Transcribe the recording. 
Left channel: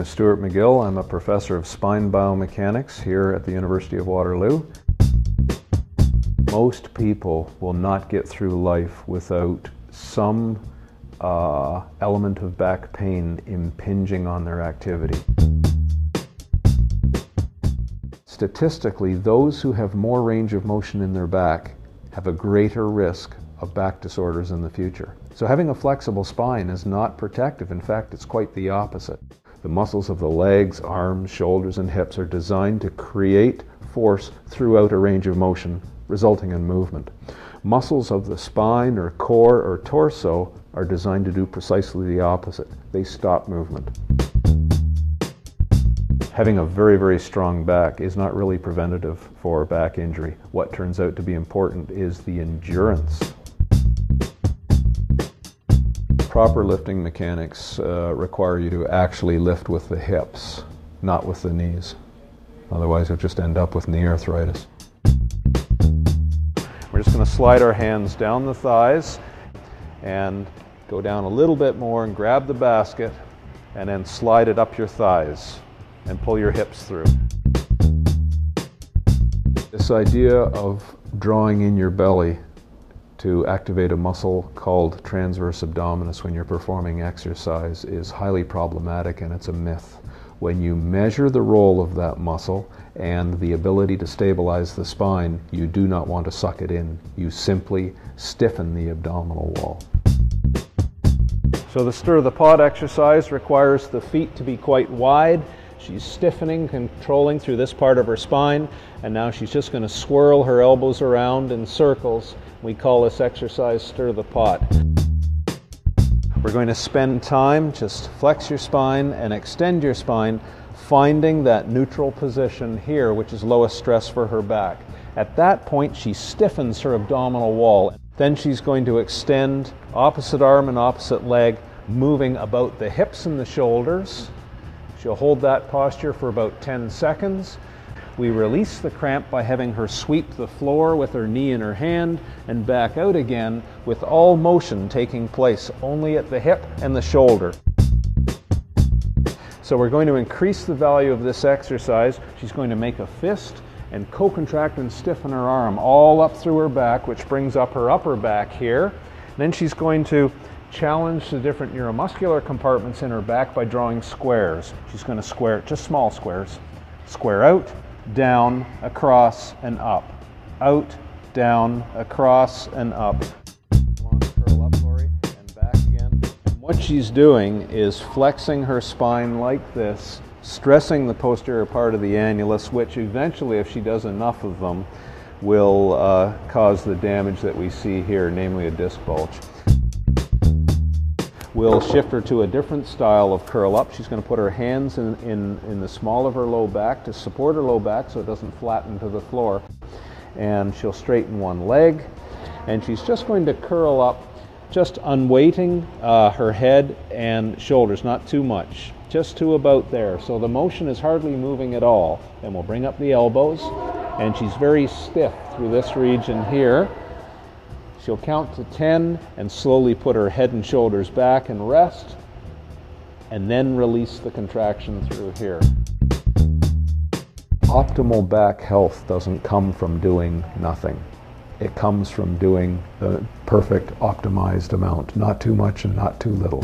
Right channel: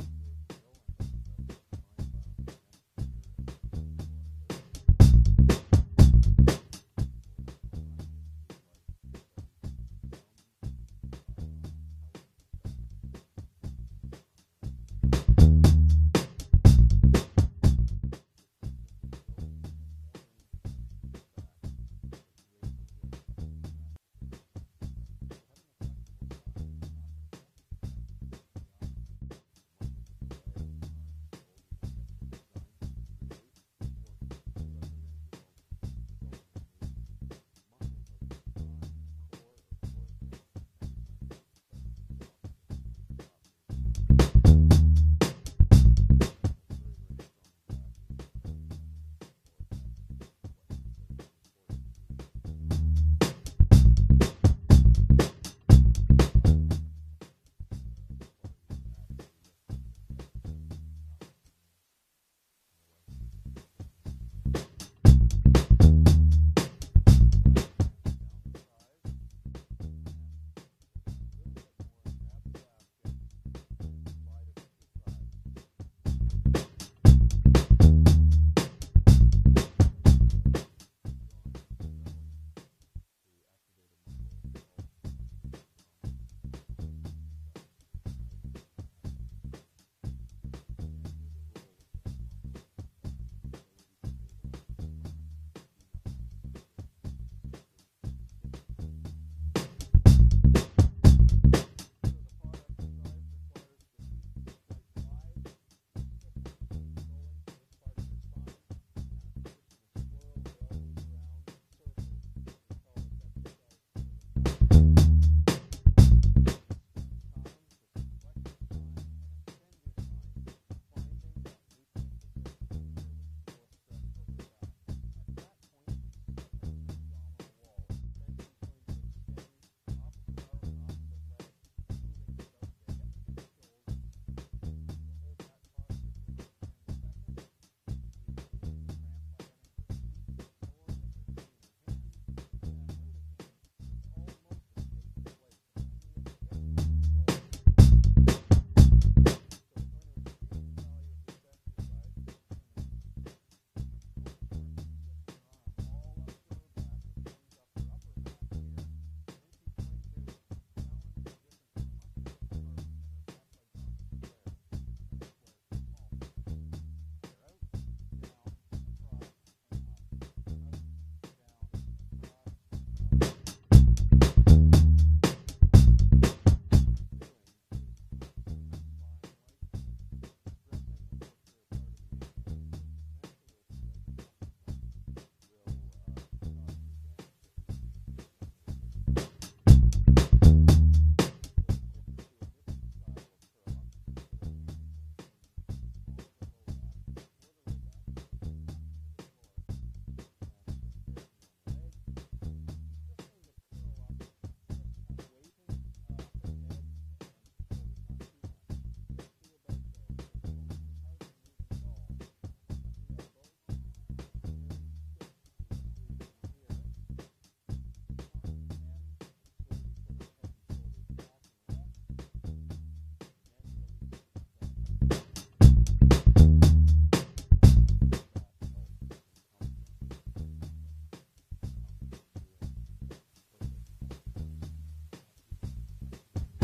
name is Stuart McGill. I'm a professor of spine biomechanics here at the University of Waterloo. Most people will not get through life without some element of back pain impinging on their activity. Statistically, those who have more range of motion in their back have a greater risk of back disorders in the future. So having a flexible spine is not protective. In fact, it's quite the opposite. The muscles of the legs, arms, shoulders, and hips are designed to create force throughout a range of motion, resulting in movement. Muscles of the spine or core or torso are designed to do precisely the opposite. They stop movement. Having a very, very strong back is not really preventative for back injury. What turns out to be important is the endurance. Proper lifting mechanics require you to actually lift with the hips, not with the knees. Otherwise, you'll just end up with knee arthritis. We're just going to slide our hands down the thighs and go down a little bit more and grab the basket and then slide it up your thighs and pull your hips through. This idea of drawing in your belly to activate a muscle called transverse abdominis when you're performing exercise is highly problematic, and it's a myth. When you measure the role of that muscle and the ability to stabilize the spine, you do not want to suck it in. You simply stiffen the abdominal wall. So the stir the pot exercise requires the feet to be quite wide. She's stiffening, controlling through this part of her spine, and now she's just going to swirl her elbows around in circles. We call this exercise stir the pot. We're going to spend time, just flex your spine and extend your spine, finding that neutral position here, which is lowest stress for her back. At that point, she stiffens her abdominal wall. Then she's going to extend opposite arm and opposite leg, moving about the hips and the shoulders. She'll hold that posture for about 10 seconds. We release the cramp by having her sweep the floor with her knee in her hand and back out again, with all motion taking place only at the hip and the shoulder. So we're going to increase the value of this exercise. She's going to make a fist and co-contract and stiffen her arm all up through her back, which brings up her upper back here. Then she's going to challenge the different neuromuscular compartments in her back by drawing squares. She's going to square, just small squares. Square out, down, across, and up. Out, down, across, and up. Curl up, Lori, and back again. What she's doing is flexing her spine like this, stressing the posterior part of the annulus, which eventually, if she does enough of them, will cause the damage that we see here, namely a disc bulge. We'll shift her to a different style of curl up. She's going to put her hands in the small of her low back to support her low back so it doesn't flatten to the floor. And she'll straighten one leg. And she's just going to curl up, just unweighting her head and shoulders, not too much, just to about there. So the motion is hardly moving at all. And we'll bring up the elbows. And she's very stiff through this region here. She'll count to 10 and slowly put her head and shoulders back and rest, and then release the contraction through here. Optimal back health doesn't come from doing nothing. It comes from doing the perfect optimized amount, not too much and not too little.